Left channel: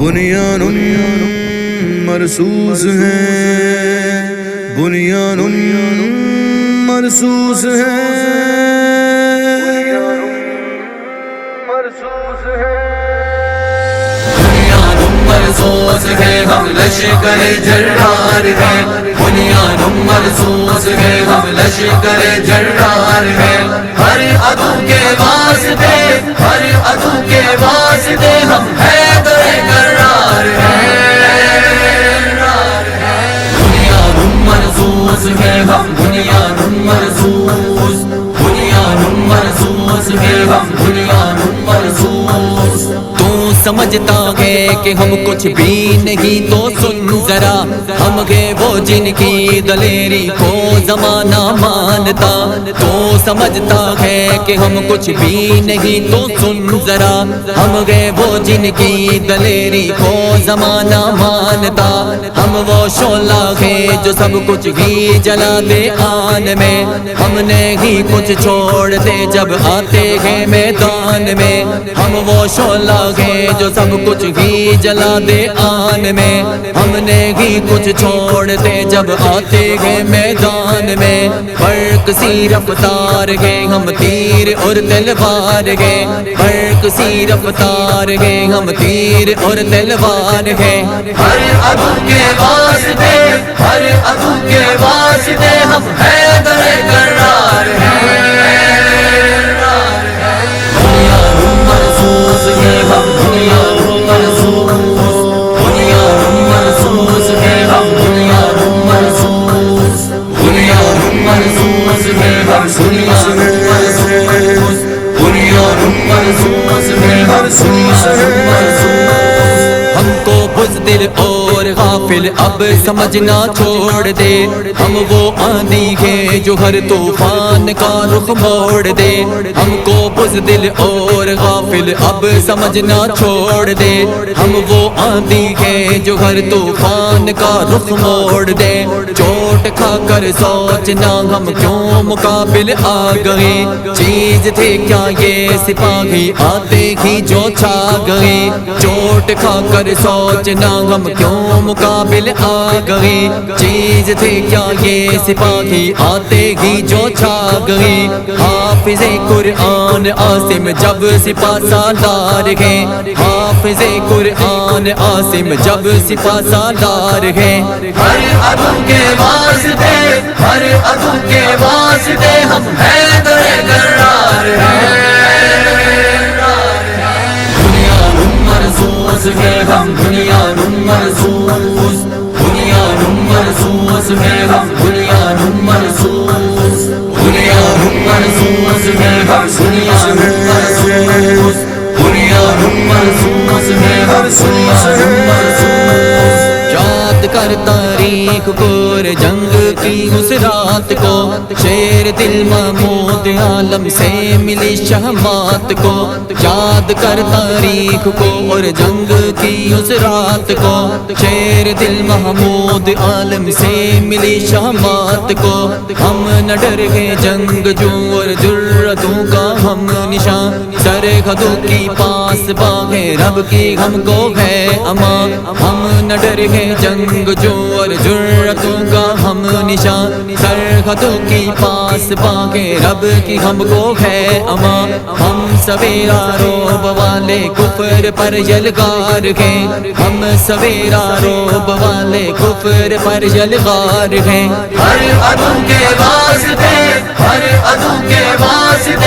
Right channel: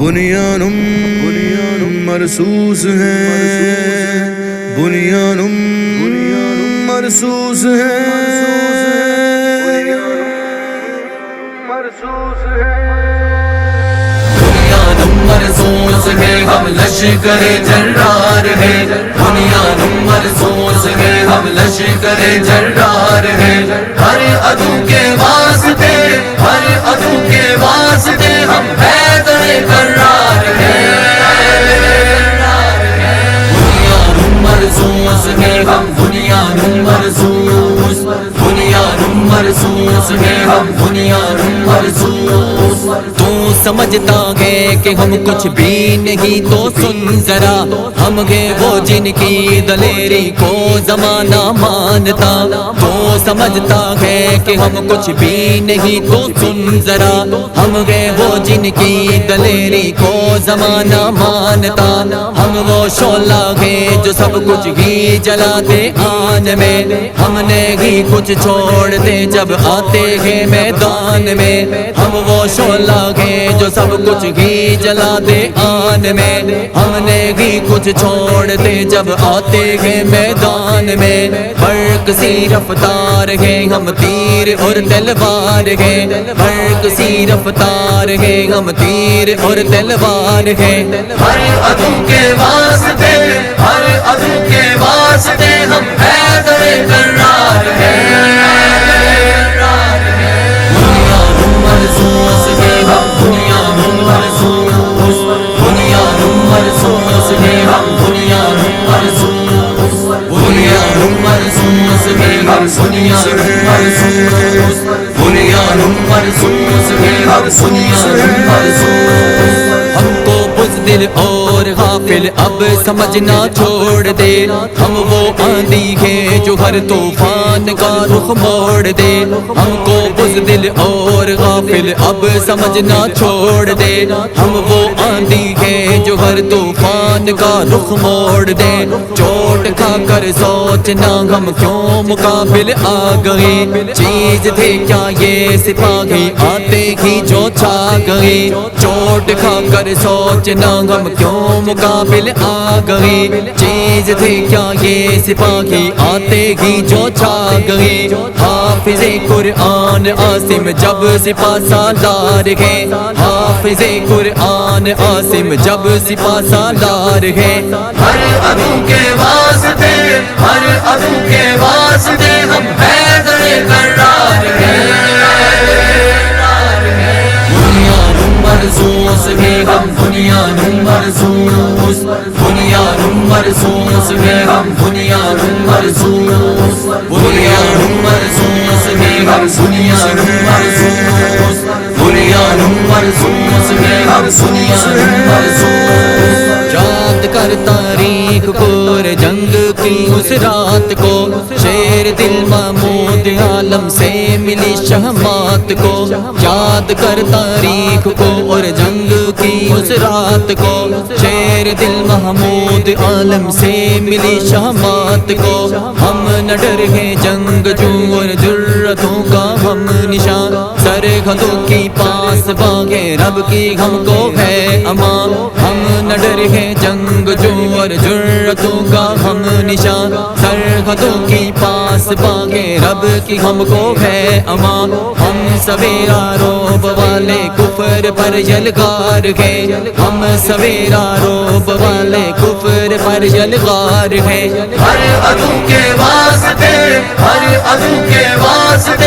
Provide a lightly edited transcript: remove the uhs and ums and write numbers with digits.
بنیان مرصوص ہے، بنیان مرصوص ہے، بنیان مرصوص ہے، ہم لشکر جرار ہیں، بنیان مرصوص ہے، ہم لشکر جرار ہیں، ہر عدو کے واسطے، ہر عدو کے واسطے ہم حیدر کرار ہیں، بنیان مرصوص ہے، ہم بنیان مرصوص، بنیان مرصوص ہے، ہم بنیان مرصوص۔ تو سمجھتا ہے کہ ہم کچھ بھی نہیں تو سن ذرا، ہم گے وہ جن کی دلیری کو زمانہ مانتا، تو سمجھتا ہے کہ ہم کچھ بھی نہیں تو سن ذرا، ہم گے وہ جن کی دلیری کو زمانہ مانتا، ہم وہ شعلہ ہیں جو سب کچھ ہی جلا دے آن میں، ہم نے ہی کچھ چھوڑ دے جب آتے ہیں میدان میں، ہم وہ شعلہ ہیں جو سب کچھ ہی جلا دے آن میں، ہم نے ہی کچھ چھوڑ دے جب آتے ہیں میدان میں، فرق سی رفتار ہے، ہم تیر اور تلوار ہیں، فرق سی رفتار ہے، ہم تیر اور تلوار ہیں، ہر عدو کے واسطے، ہر عدو کے واسطے ہم حیدر کرار ہیں، بنیان مرصوص ہے، ہم بنیان مرصوص، بنیان مرصوص ہے، ہم بنیان مرصوص، بنیان مرصوص ہے، ہم بنیان مرصوص، بنیان مرصوص ہے، ہم بنیان مرصوص۔ ہم کو بزدل اور غافل اب سمجھنا چھوڑ دے، ہم وہ آندھی ہے جو ہر طوفان کا رخ موڑ دے، ہم کو بزدل اور غافل اب سمجھنا چھوڑ دے، ہم وہ آندھی ہے جو ہر طوفان کا رخ موڑ دے، چوٹ کھا کر سوچنا ہم کیوں مقابل آ گئے، چیز تھے کیا یہ سپاہی آتے ہی جو چھا گئے، چوٹ کھا کر سوچنا ہم کیوں مقابل آ گئے، چیز تھے کیا یہ سپاہی آتے ہی جو چھا گئے، حافظ قرآن عاصم جب سپہ سالار ہیں، حافظ قرآن عاصم جب سپہ سالار ہیں، ہر عدو کے واسطے، ہر عدو کے واسطے ہم حیدر کرار ہیں، بنیان مرصوص ہے، ہم بنیان مرصوص، بنیان مرصوص ہے، ہم بنیان مرصوص، بنیان مرصوص ہے، ہم بنیان مرصوص، بنیان مرصوص ہے، ہم بنیان مرصوص۔ یاد کر تاریخ پور جنگ کی اس رات کو، شیر دل محمود عالم سے ملی شہمات کو، یاد کر تاریخ کو اور جنگ کی اس رات کو، شیر دل محمود عالم سے ملی شہمات کو، ہم نہ ڈر گئے جنگ جو اور جرتوں کا ہم نشان، سرحدوں کی پاس باغے رب کی ہم کو ہے امان، ہم نہ ڈر گئے جنگ جو اور جرتوں کا ہم نشان، سرحدوں کی پاس باغے رب کی ہم کو ہے امان، ہم سویرا روب والے کفر پر یلغار ہیں، ہم سویرا روب والے کفر پر یلغار ہیں، ہر عدو کے واسطے، ہر عدو کے واسطے